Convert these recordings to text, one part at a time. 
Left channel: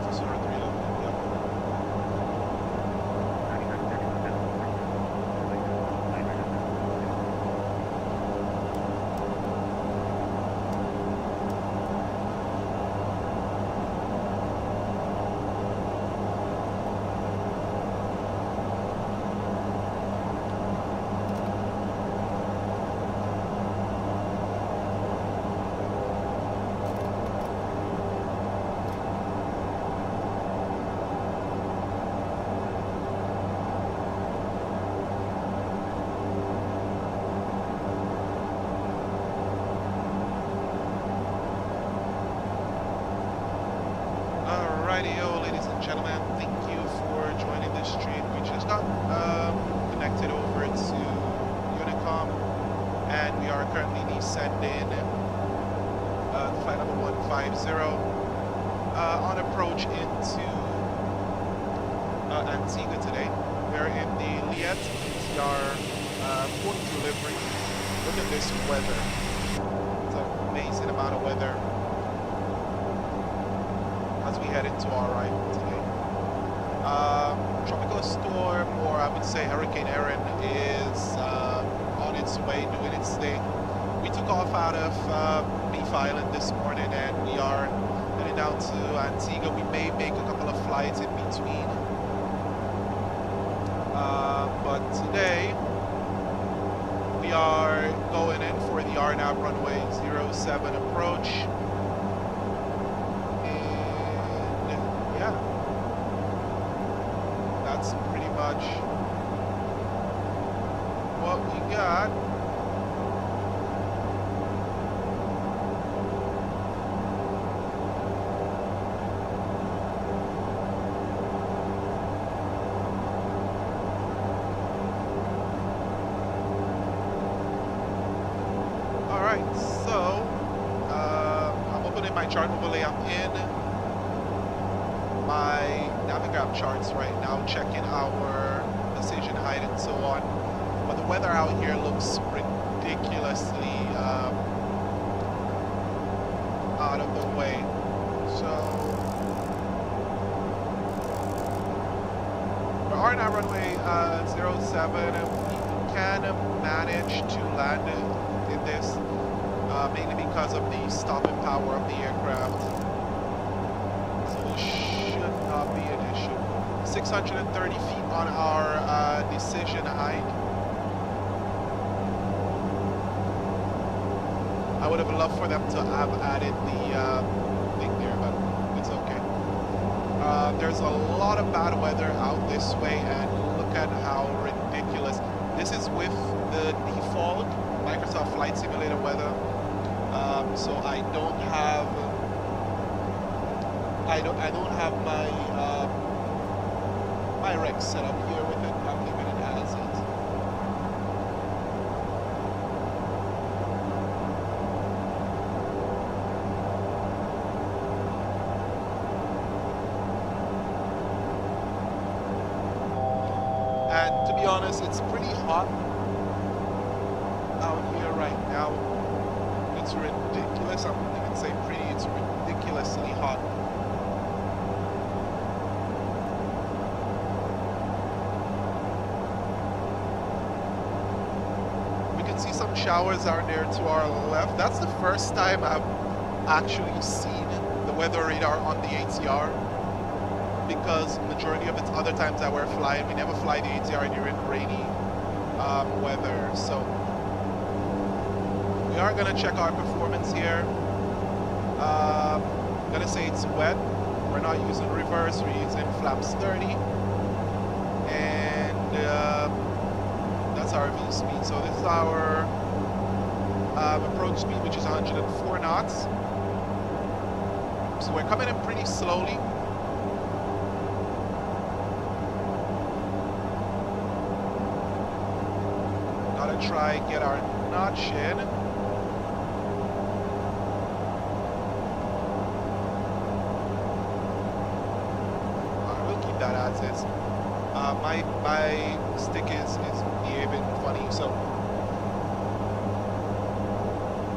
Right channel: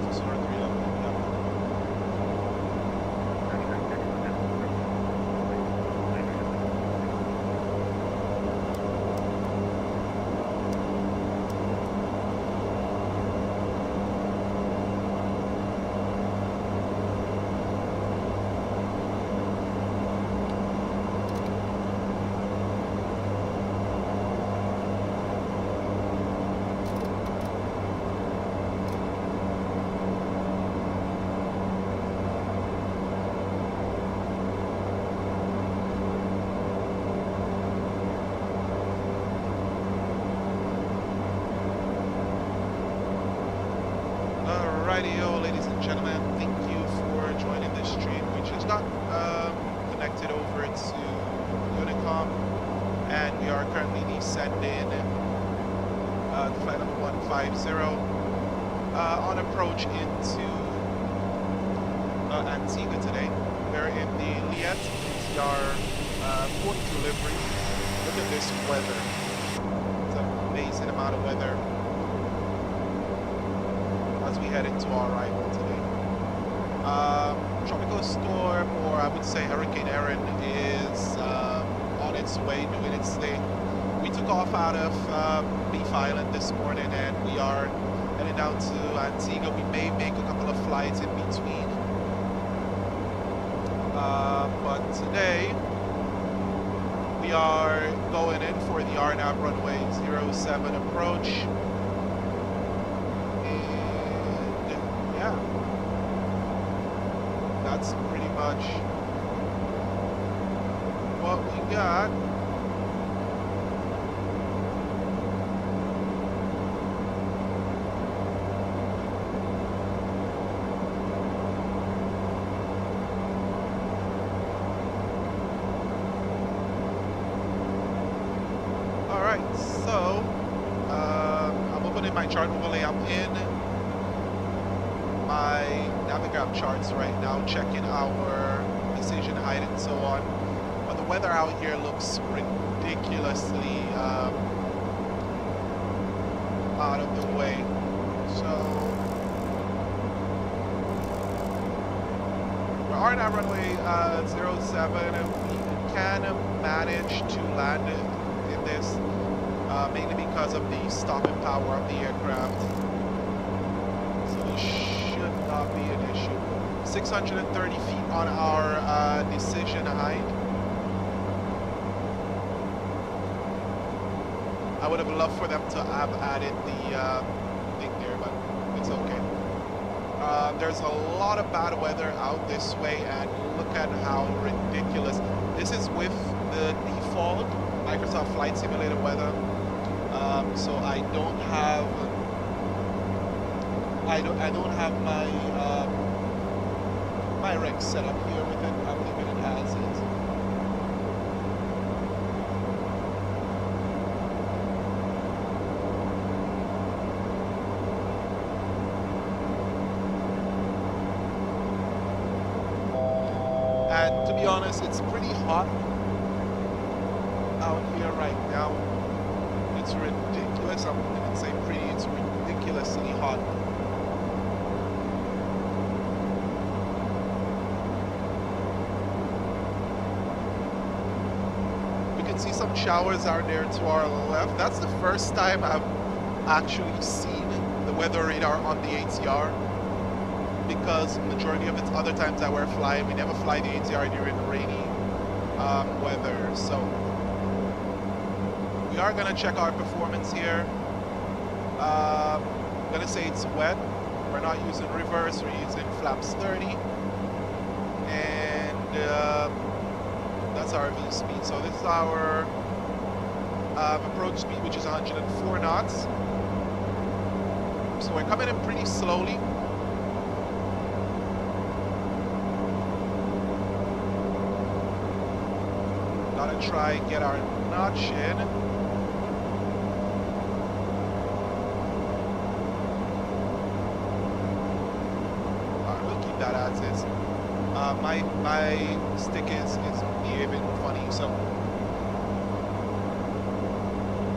Alpha Soar 3 level. Yep. Alrighty-o, ladies and gentlemen, thank you for joining this stream. We just got connected over to Unicom, and we are currently descending to flight number 150 on approach into Antigua today. We're in the Liet ATR 42 livery. Look at this weather. It's an amazing amount of weather as we head into our arrival today. Tropical storm, or I would say Hurricane Erin, is on its way doing its thing. We took off out of Beef Island this morning and we are heading down to Antigua. We may make a couple of flights in between. But today we are going in for the RNAV runway 07 approach. Yeah, that's pretty much what we got. All right, so I'm opening my chart overlay. I'm in my Navigraph charts right now, checking our decision height and so on. But the weather out here looks ridiculously out of the way. So we're on our runway 07. We can manage to land in this mainly because of the stopping power of the aircraft. So this should not be an issue. 630 feet on our decision height. I would have loved for them to have added the thing there, but it's okay. There's a lot of bad weather out this way, and look at how ridiculous. This is with the default Microsoft Flight Simulator weather. So I don't have my my rec set up here with it. I'm leaving it as is. And to be honest, it's pretty hot out here right now. It's ridiculous. I wouldn't even say pretty, it's ridiculously hot. We can see some showers out there to our left. That's the first time I've actually seen the weather radar on the ATR, because majority of its other times that we're flying, we never fly the ATR during rainy weather. So we are gonna check our performance here. I'm gonna say it's wet. We're not using reverse, we're using flaps 30. And that's our V speed. So this is our approach speed, which is 104 knots. So we're coming in pretty slowly. Gotta try get our notch in. Alright, we'll keep that as is. My stick is behaving funny, so.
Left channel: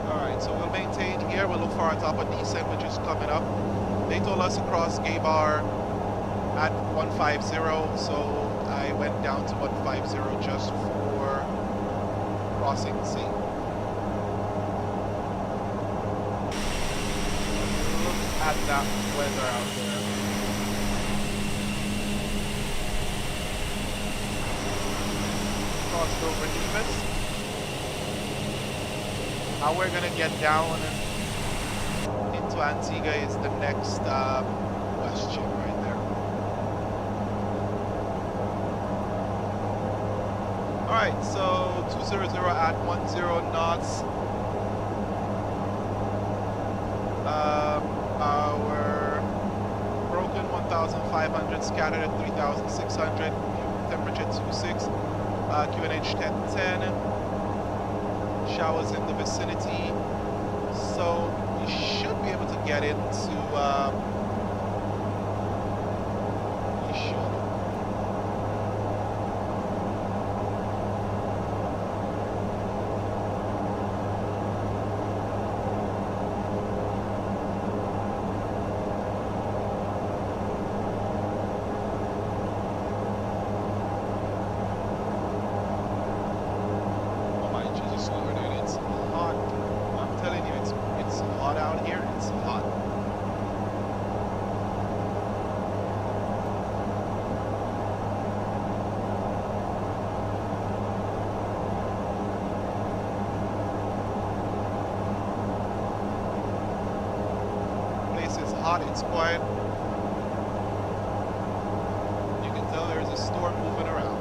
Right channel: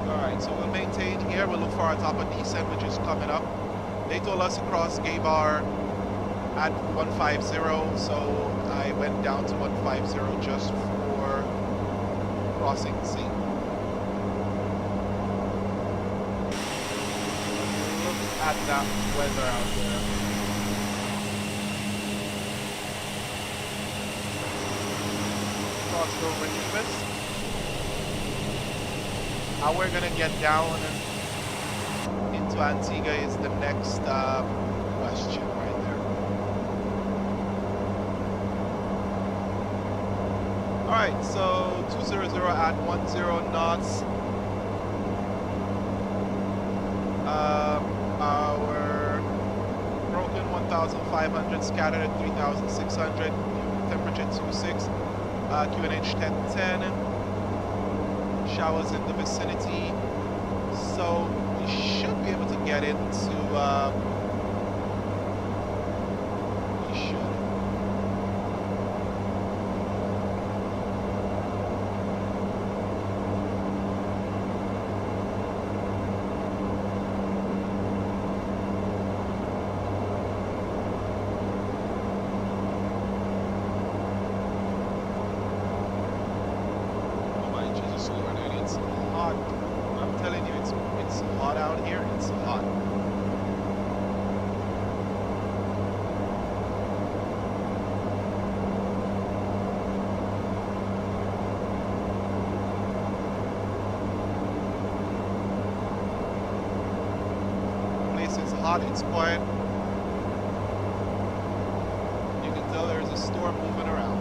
Alright, so we'll maintain here. We'll look for our top of descent, which is coming up. They told us to cross gay bar at 150, so I went down to 150 just for crossing the sea. Look at that weather out there. Crossed over Nevis. How we're gonna get down into Antigua is the next question right there. All right, so 200 at 10 knots. Our broken 1,500, scattered at 3,600, temperature 26, QNH 1010, showers in the vicinity, so we should be able to get into, we should. Jesus Lord, and it's hot. I'm telling you, it's hot out here. It's hot. The place is hot. It's quiet. You can tell there's a storm moving around.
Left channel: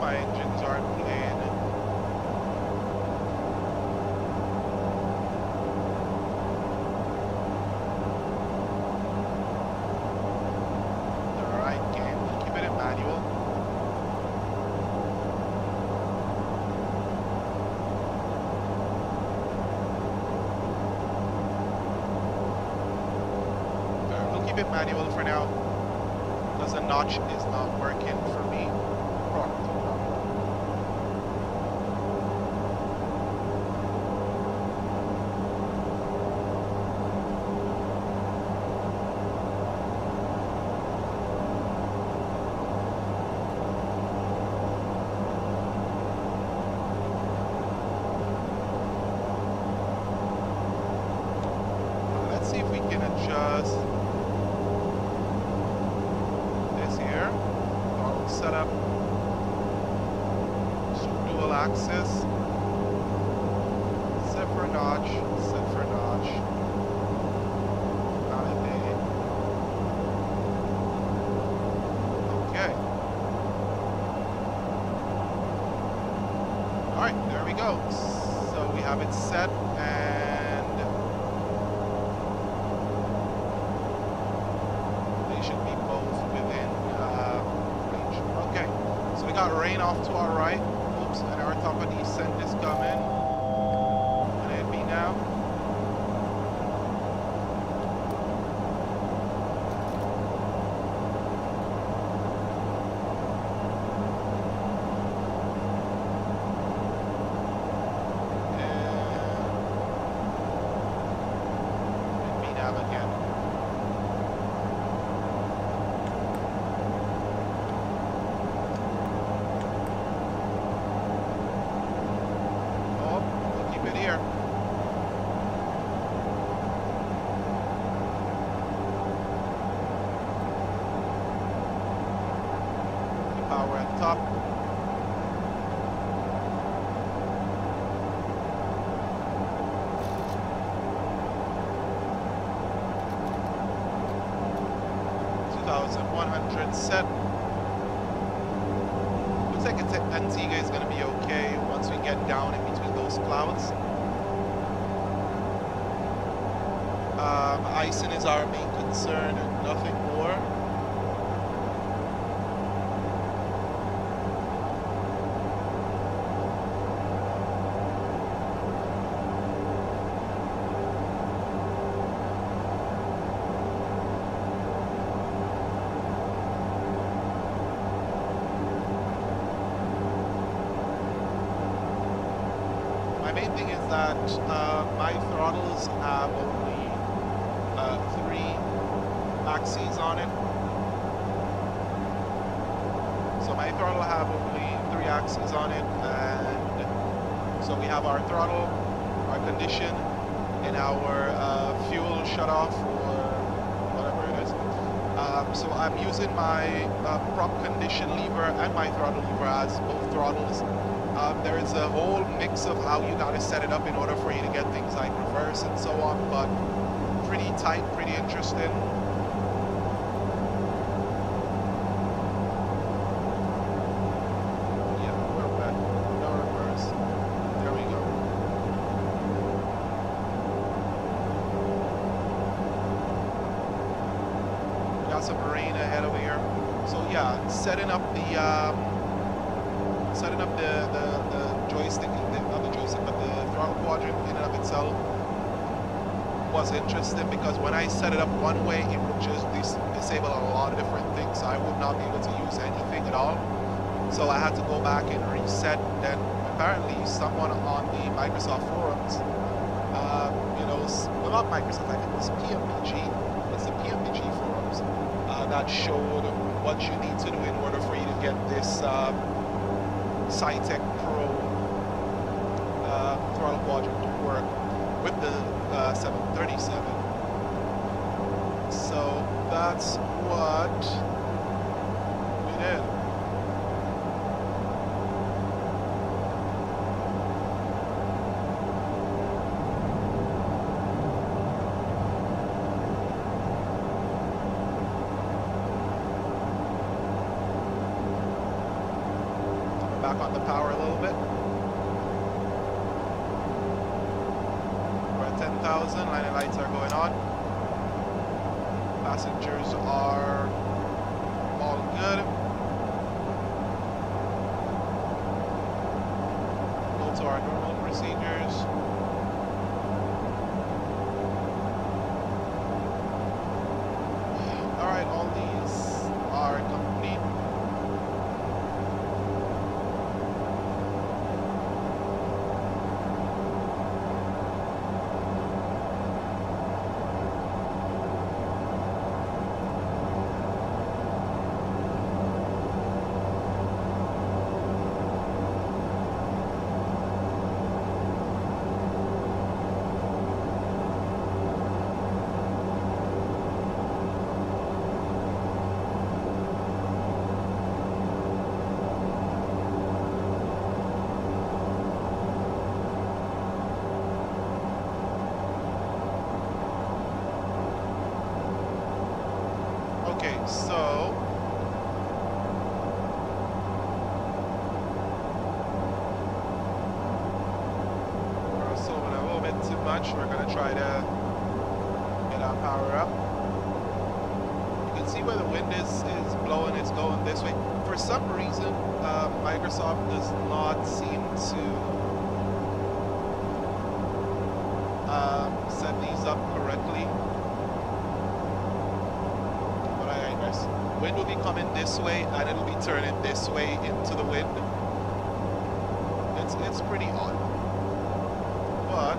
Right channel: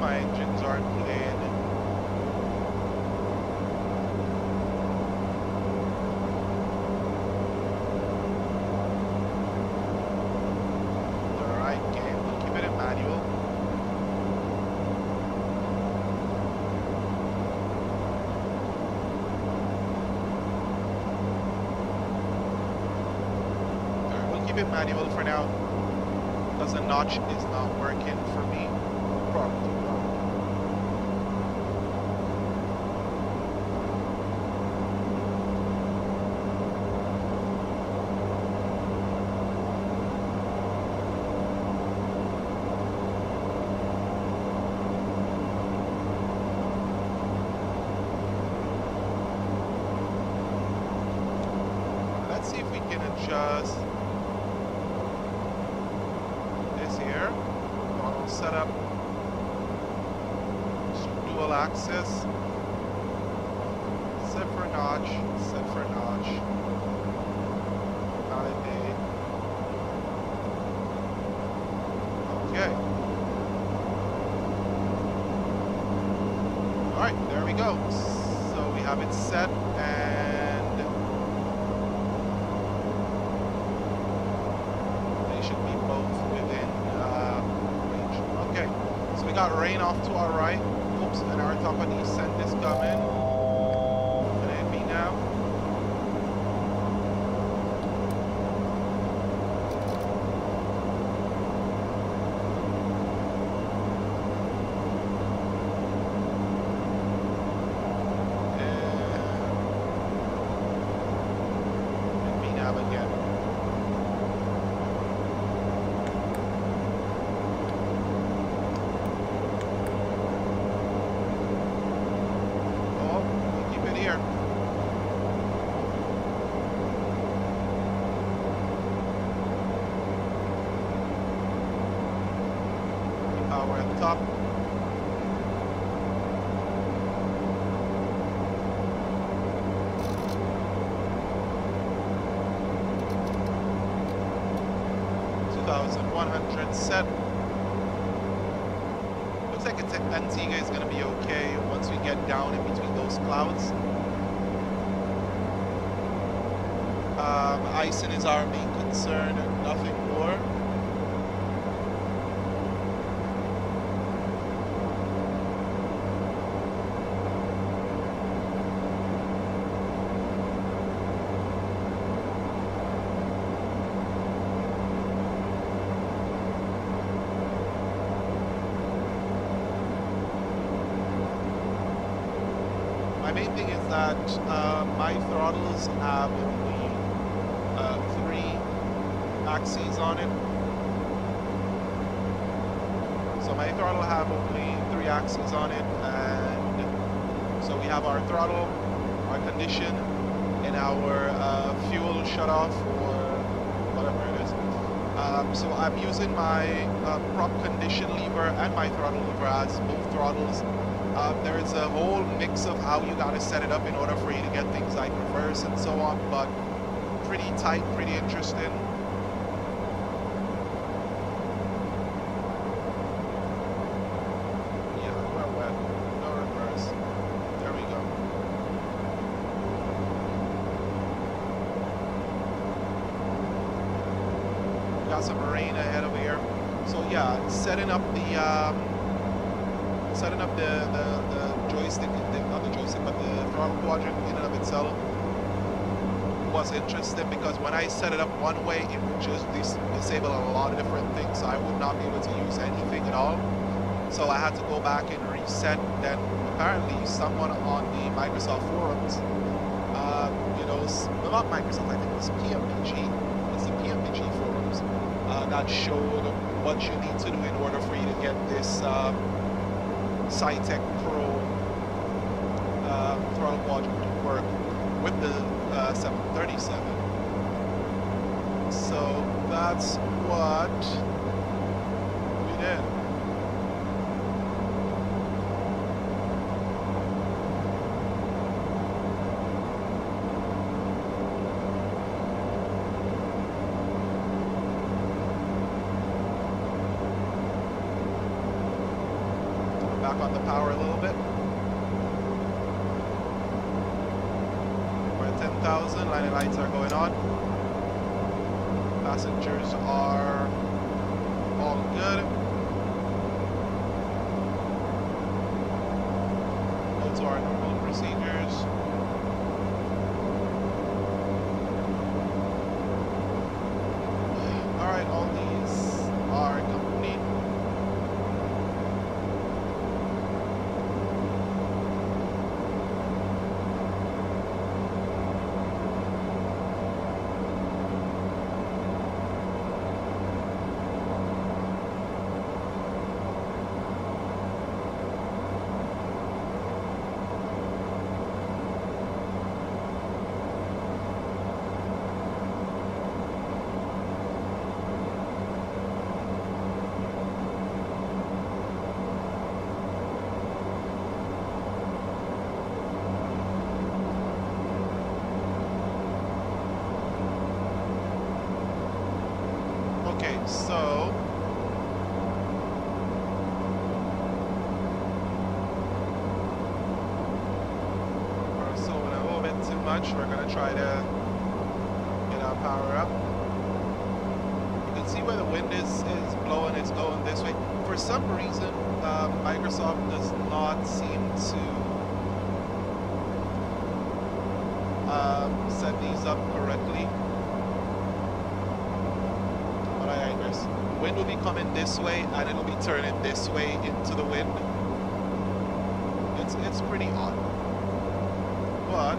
My engines aren't playing. The right game, we'll keep it in manual. Alright, we'll keep it manual for now because the notch is not working for me. Properly. Let's see if we can adjust this here. Throttle setup. Dual axis, set for notch, validate. Okay. All right, there we go. So we have it set, and they should be both within range. Okay, so we got rain off to our right. Oops, and our top of descent is coming. And it'd be now. And it'd be nav again. Here. Keep power at the top. $2,100 set. Looks like Antigua is going to be okay once we get down in between those clouds. Icing is our main concern, nothing more. main thing is that my throttles have only 3 axes on it. So my throttle have only 3 axes on it, and so we have our throttle, our condition, and our fuel shut off or whatever it is. So I'm using my prop condition lever and my throttle lever as both throttles. There is a whole mix of how you gotta set it up in order for you to get things like reverse and so on, but pretty tight, pretty interesting. Yeah, we're wet. No reverse. There we go. We got some rain ahead over here. So yeah, setting up the joystick, not the joystick, but the throttle quadrant in and of itself was interesting, because when I set it up one way, it would just disable a lot of different things. So I would not be able to use anything at all. So I had to go back and reset. Then apparently someone on the Microsoft forums, well, not Microsoft, I think it was PMPG. It's the PMPG forums that showed what you need to do in order for you to get this Cytec Pro throttle quadrant to work with the 737. So that's what we did. Back on the power a little bit. We're at 10,000, line of lights are going on. Passengers are all good. Go to our normal procedures. All right, all these are complete. Okay, so we're slowing a little bit too much. We're gonna try to get our power up. You can see where the wind is blowing. It's going this way. For some reason, Microsoft does not seem to set these up correctly. But I guess wind will be coming this way and it'll be turning this way into the wind. It's pretty odd. But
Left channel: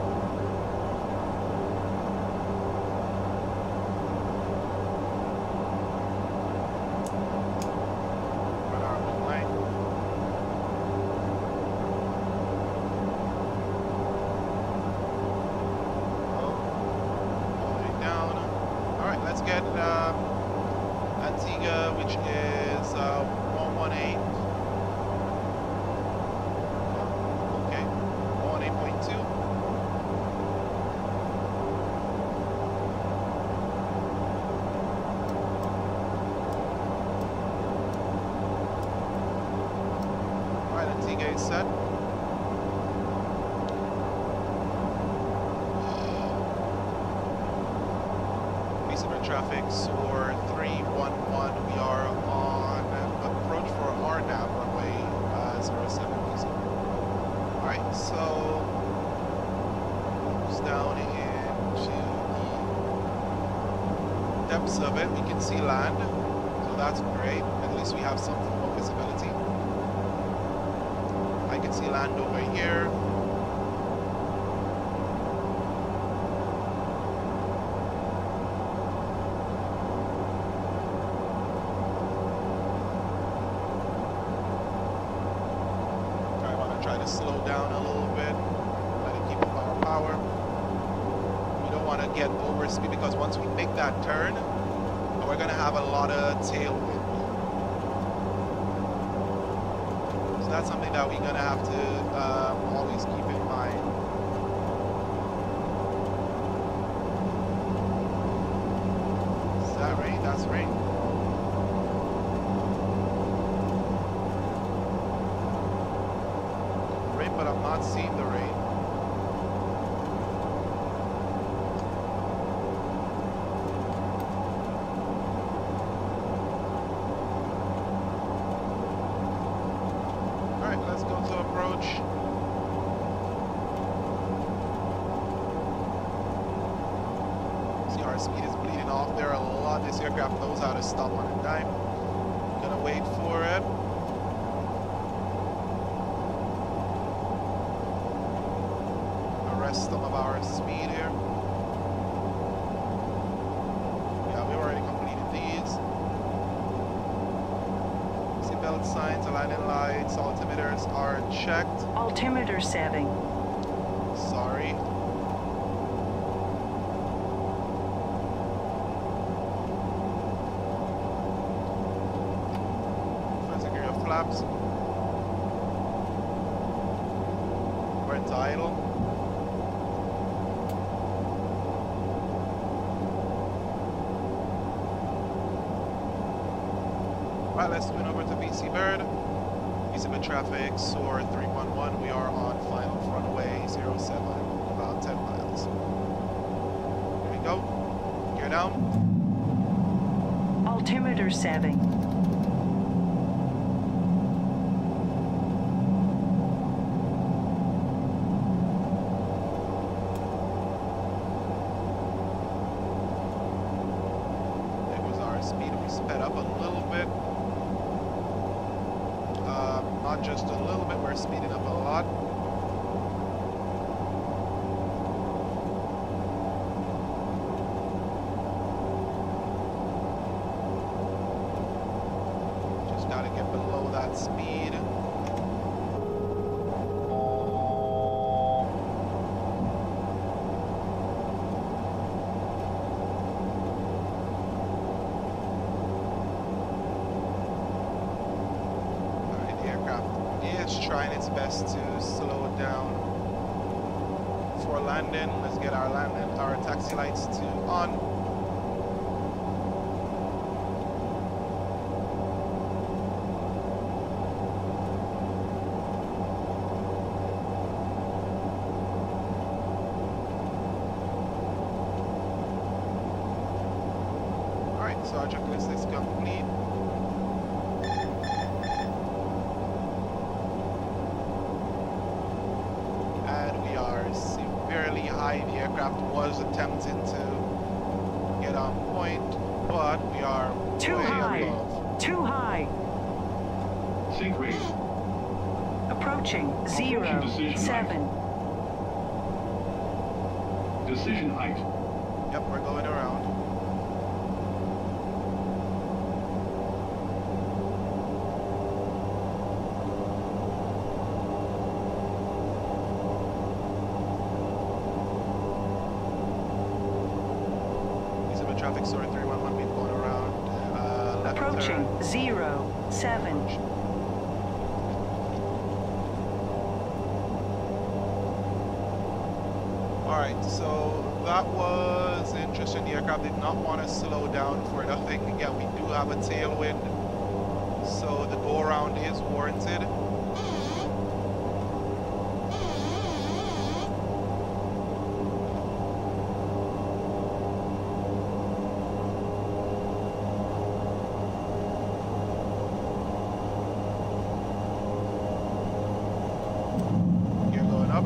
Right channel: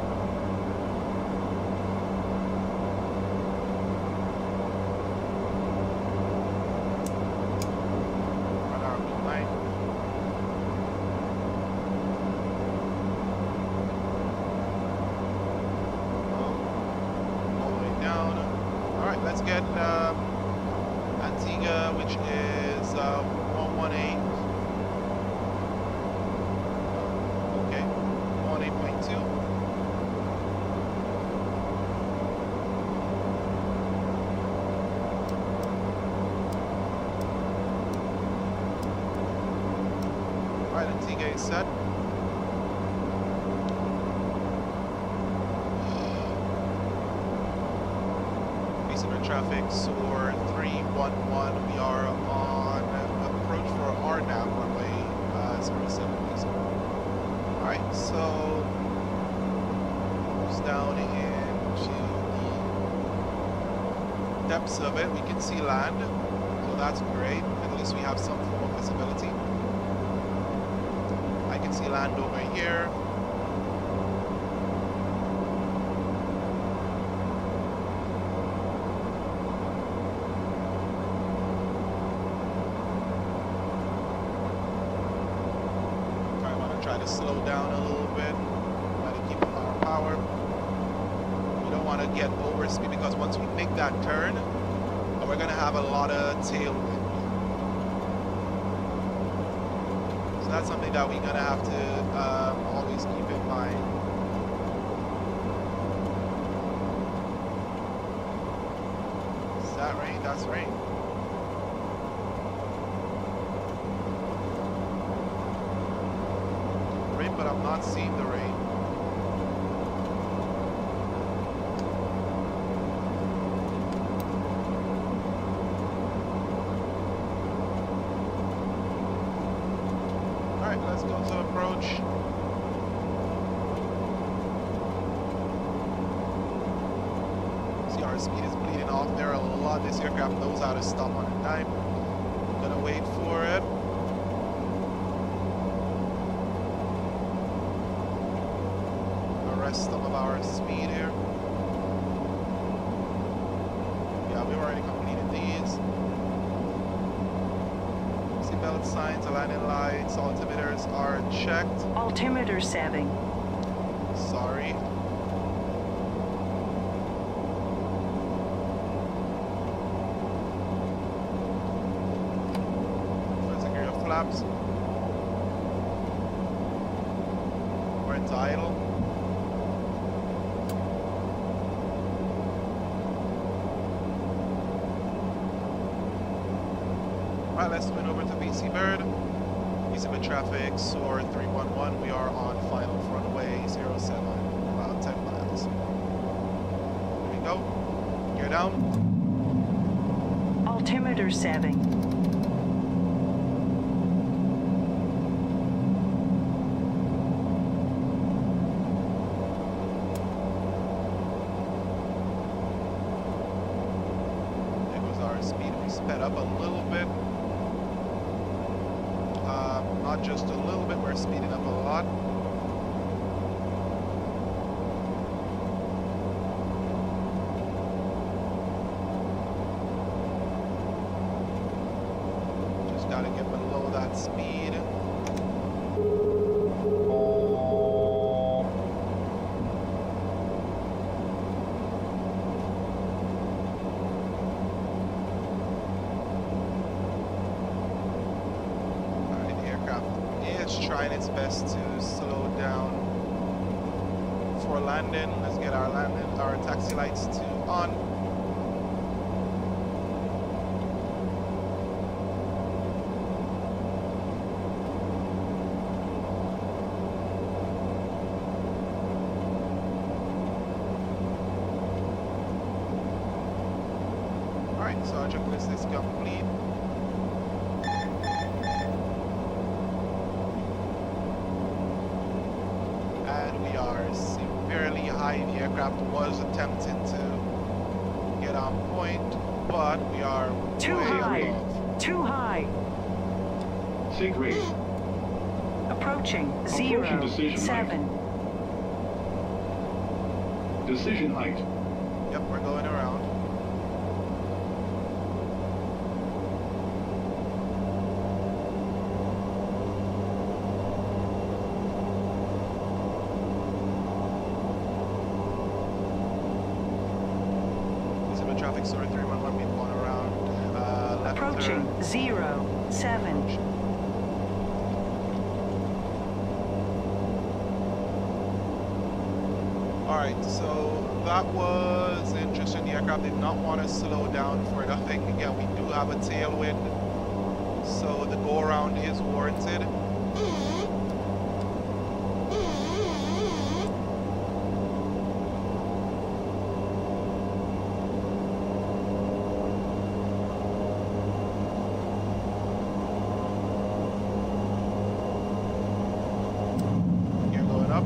run our wing line. Oh, all the way down. All right, let's get Antigua, which is 118. Okay, 118.2. All right, Antigua is set. Traffic SOAR 311. We are on approach for RNAV runway 07. Alright, so almost down into the depths of it. We can see land, so that's great. At least we have some form of visibility. I can see land over here. Try to slow down a little bit. Try to keep up our power. We don't want to get over speed because once we make that turn, we're going to have a lot of tailwind. So that's something that we're going to have to always keep in mind. Is that rain? That's rain. Rain, but I'm not seeing the rain. Alright, let's go to approach. See, our speed is bleeding off there a lot. This aircraft knows how to stop on a dime. Gonna wait for it. Arrest some of our speed here. Yeah, we've already completed these. Seatbelt signs, landing lights, altimeters are checked. Altimeter setting. Sorry. Full secure your flaps. We're into idle. Alright, let's swing over to BC Bird. BC Bird traffic, SOAR 311. We are on final runway 07, about 10 miles. Here we go. Gear down. Altimeter setting. There goes our speed. We sped up a little bit. Not just a little bit, we're speeding up a lot. Just gotta get below that speed. Is trying its best to slow down for landing. Let's get our taxi lights on. All right, so our checklist is complete. And we are severely high. The aircraft was attempting to get on point, but we are Too way high. above. Too high. Sync rate. Approaching Approaching decision 07. Decision height. Yep, we're going around. Traffic story 311, we've gone around left Approaching turn. 07. Approach. Alright, so that was interesting. The aircraft did not want to slow down for nothing. Again, we do have a tailwind, so the go around is warranted. Up.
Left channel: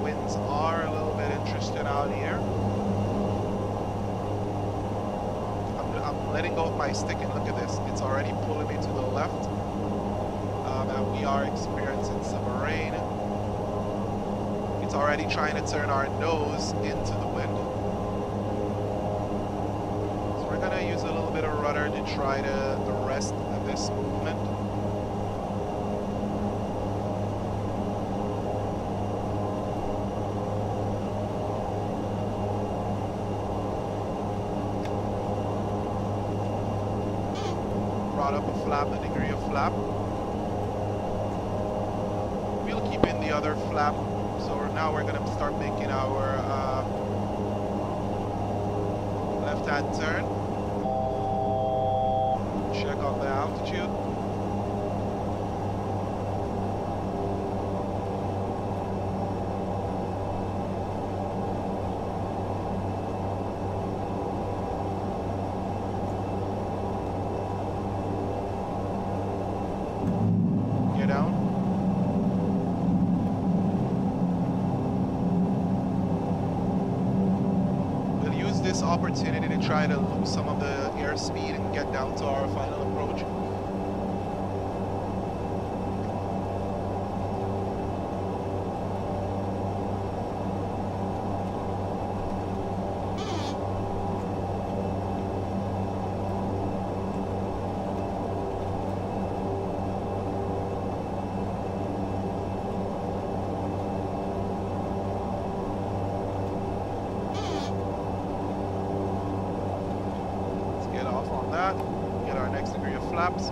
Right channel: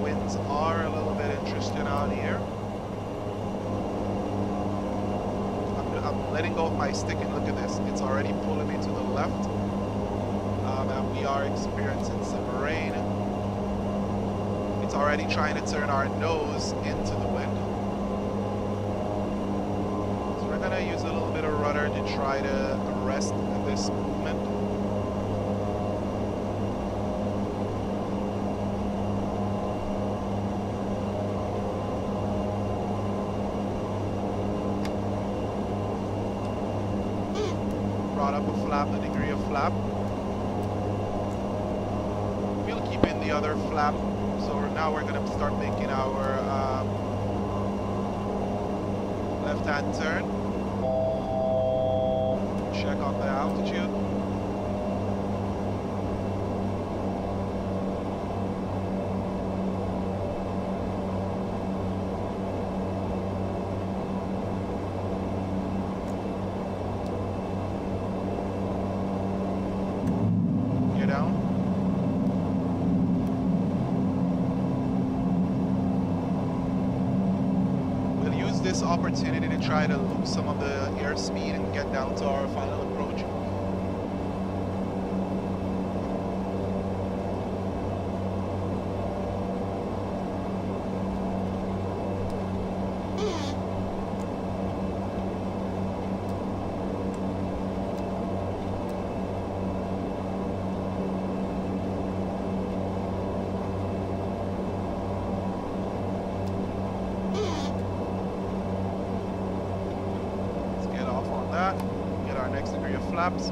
Winds are a little bit interesting out here. I'm I'm letting go of my stick, and look at this. It's already pulling me to the left. And we are experiencing some rain. It's already trying to turn our nose into the wind. So we're gonna use a little bit of rudder to try to arrest this movement. Brought up a flap, a degree of flap. We'll keep in the other flap. So now we're gonna start making our left-hand turn. Check on the altitude. Get down. This opportunity to try to lose some of the airspeed and get down to our final approach. Off on that, get our next degree of flaps.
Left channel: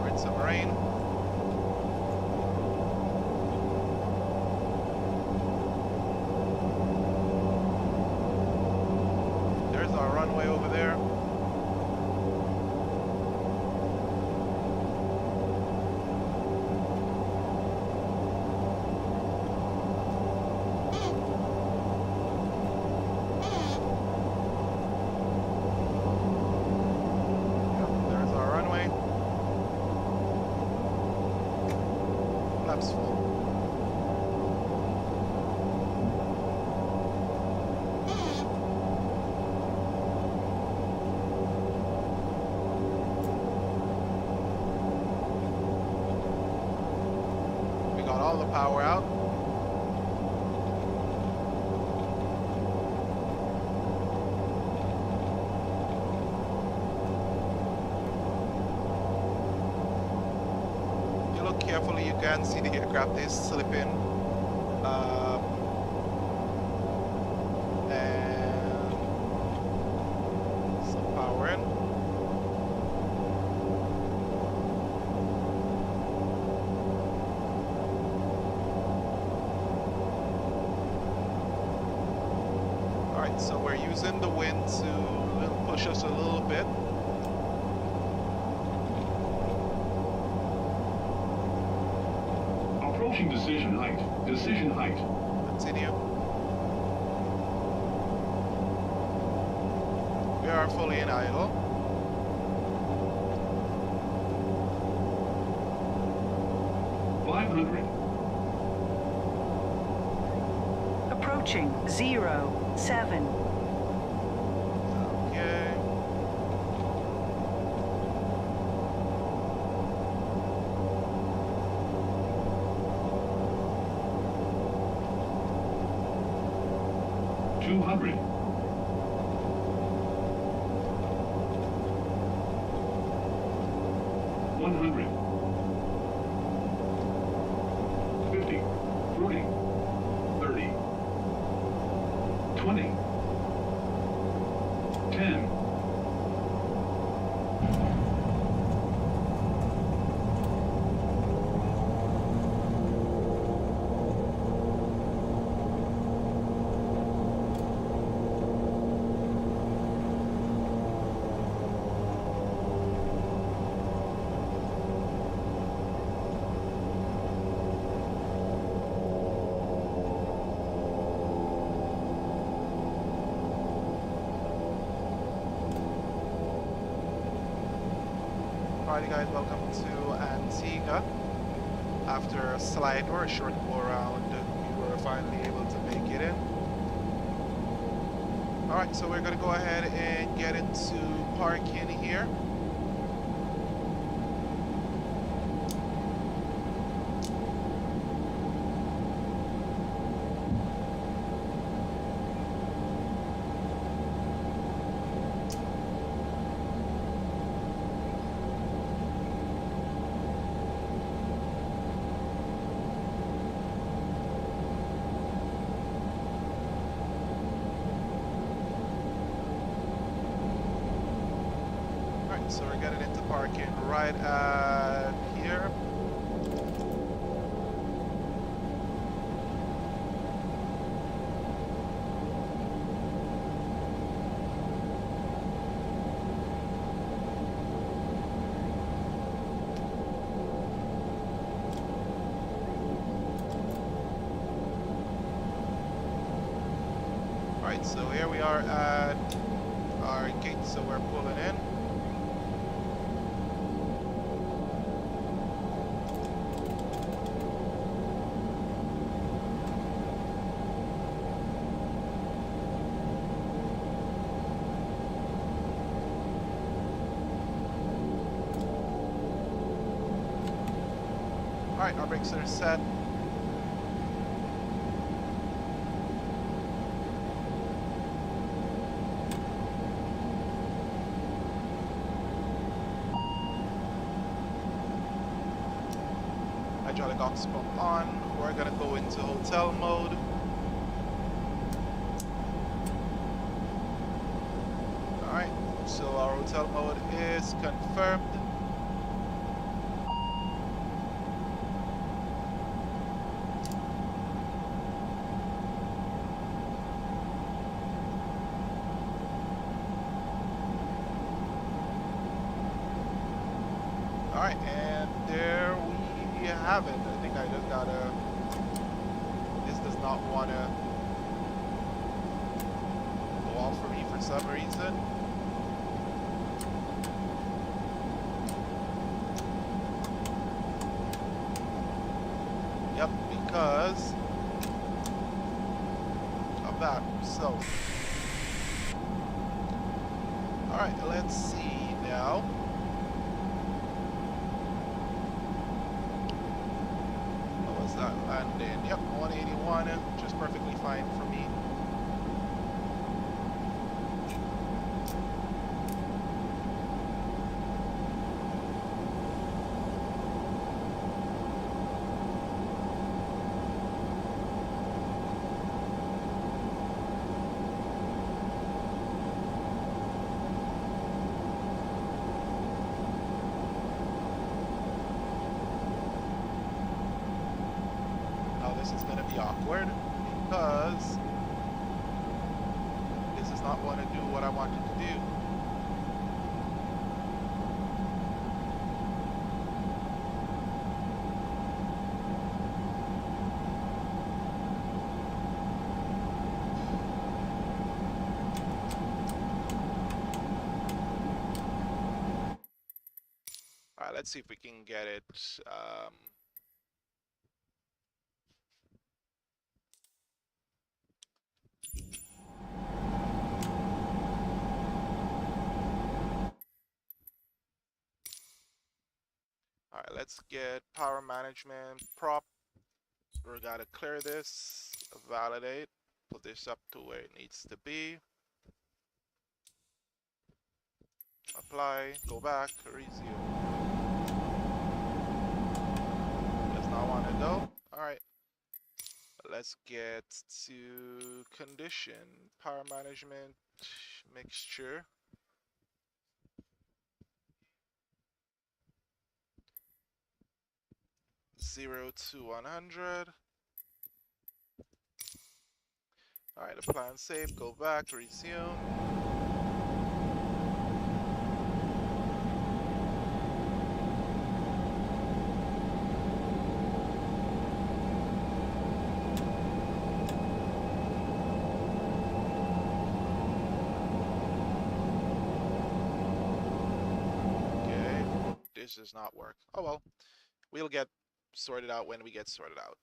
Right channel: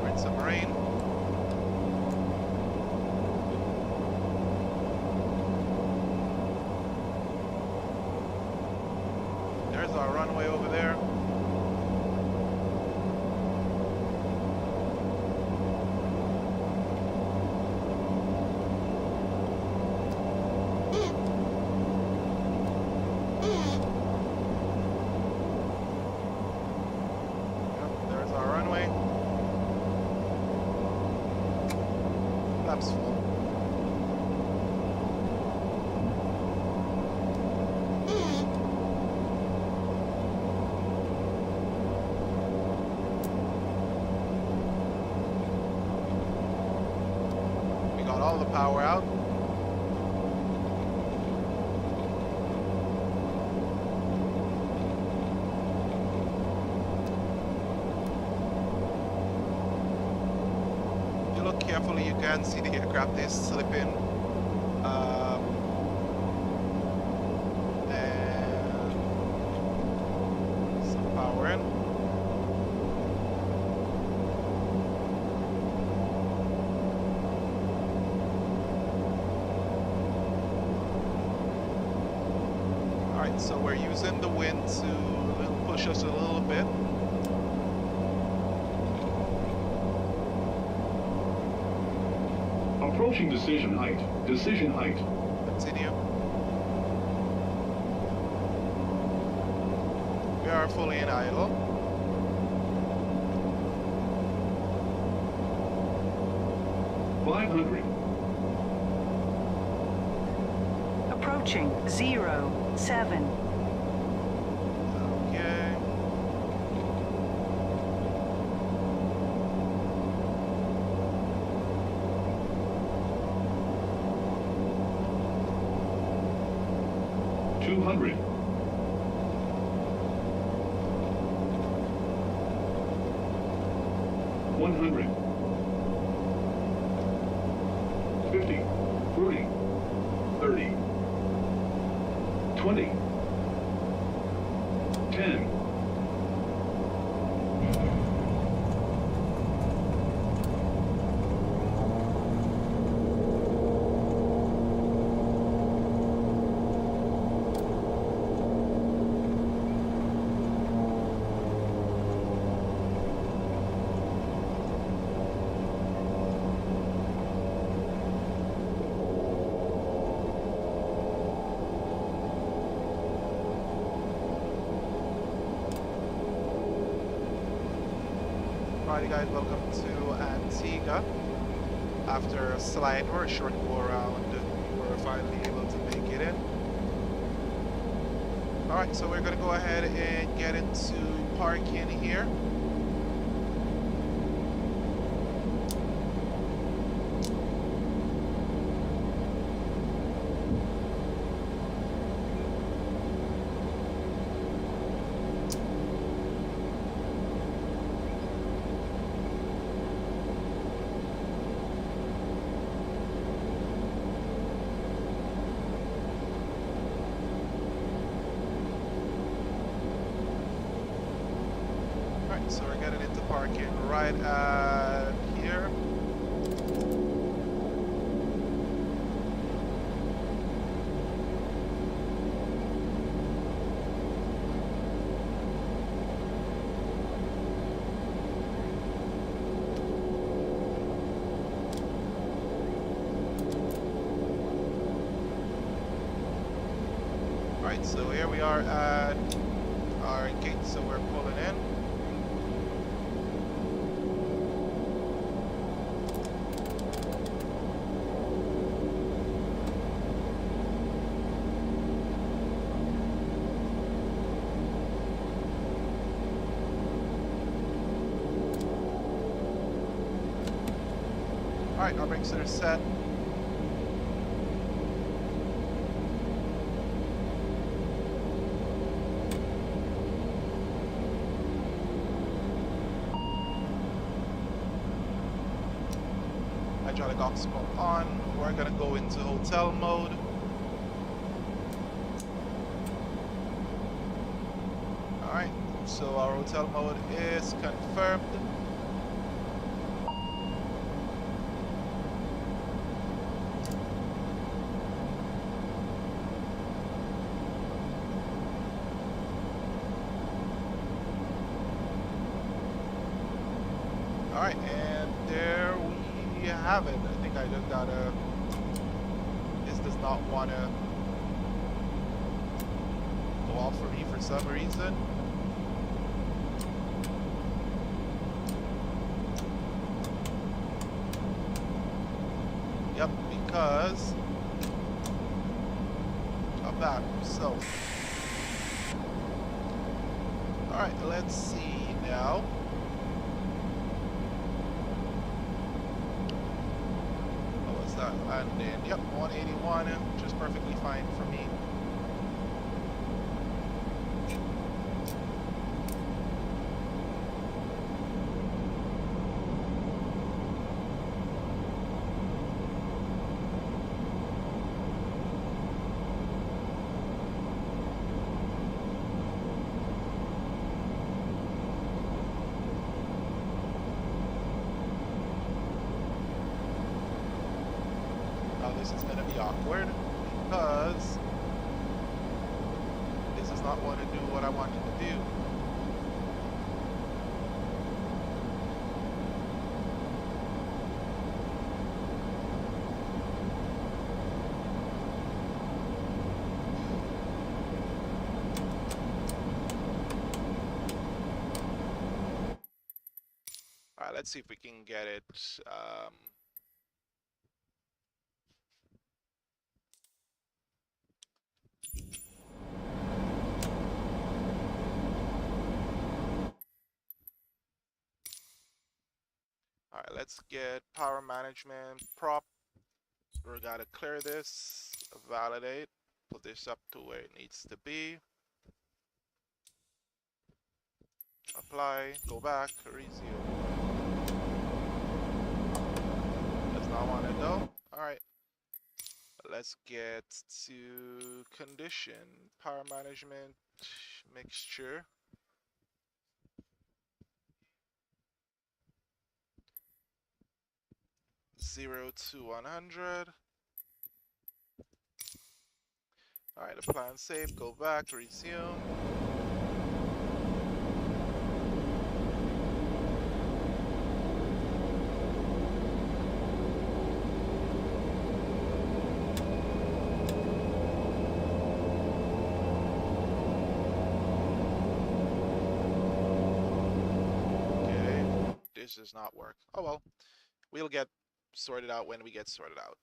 We're in some rain. There's our runway over there. Our runway. Flaps full. We got all the power out. Look carefully, you can see the aircraft is slipping, and some power in. All right, so we're using the wind to push us a little bit. Approaching decision height. Decision height. Continue. We are fully in idle. $500. Approaching 07. Okay. $200. 100. 50. 40. 30. 20. 10. Alrighty guys, welcome to Antigua. After a slide or a short go around, we were finally able to make it in. Alright, so we're gonna go ahead and get into parking here. Alright, so we're getting into parking right at here. Alright, so here we are at our gate, so we're pulling in. Alright, our brakes are set. Hydraulic aux pump on. We're gonna go into hotel mode. Alright, so our hotel mode is confirmed. Alright, and there we have it. I think I just gotta... This does not want to go off for me for some reason. Yep, because of that. So, alright, let's see now. What was that landing? Yep, 181, which is perfectly fine for me. Now this is going to be awkward because this does not want to do what I want it to do. All right, let's see if we can get it. All right, let's get power management prop. We gotta clear this, validate, put this up to where it needs to be. Apply, go back, resume. Does not want it though. All right, let's get to condition, power management, mixture. 0 to 100. Alright, apply and save, go back, resume. this does not work. Oh well, we'll get sorted out when we get sorted out.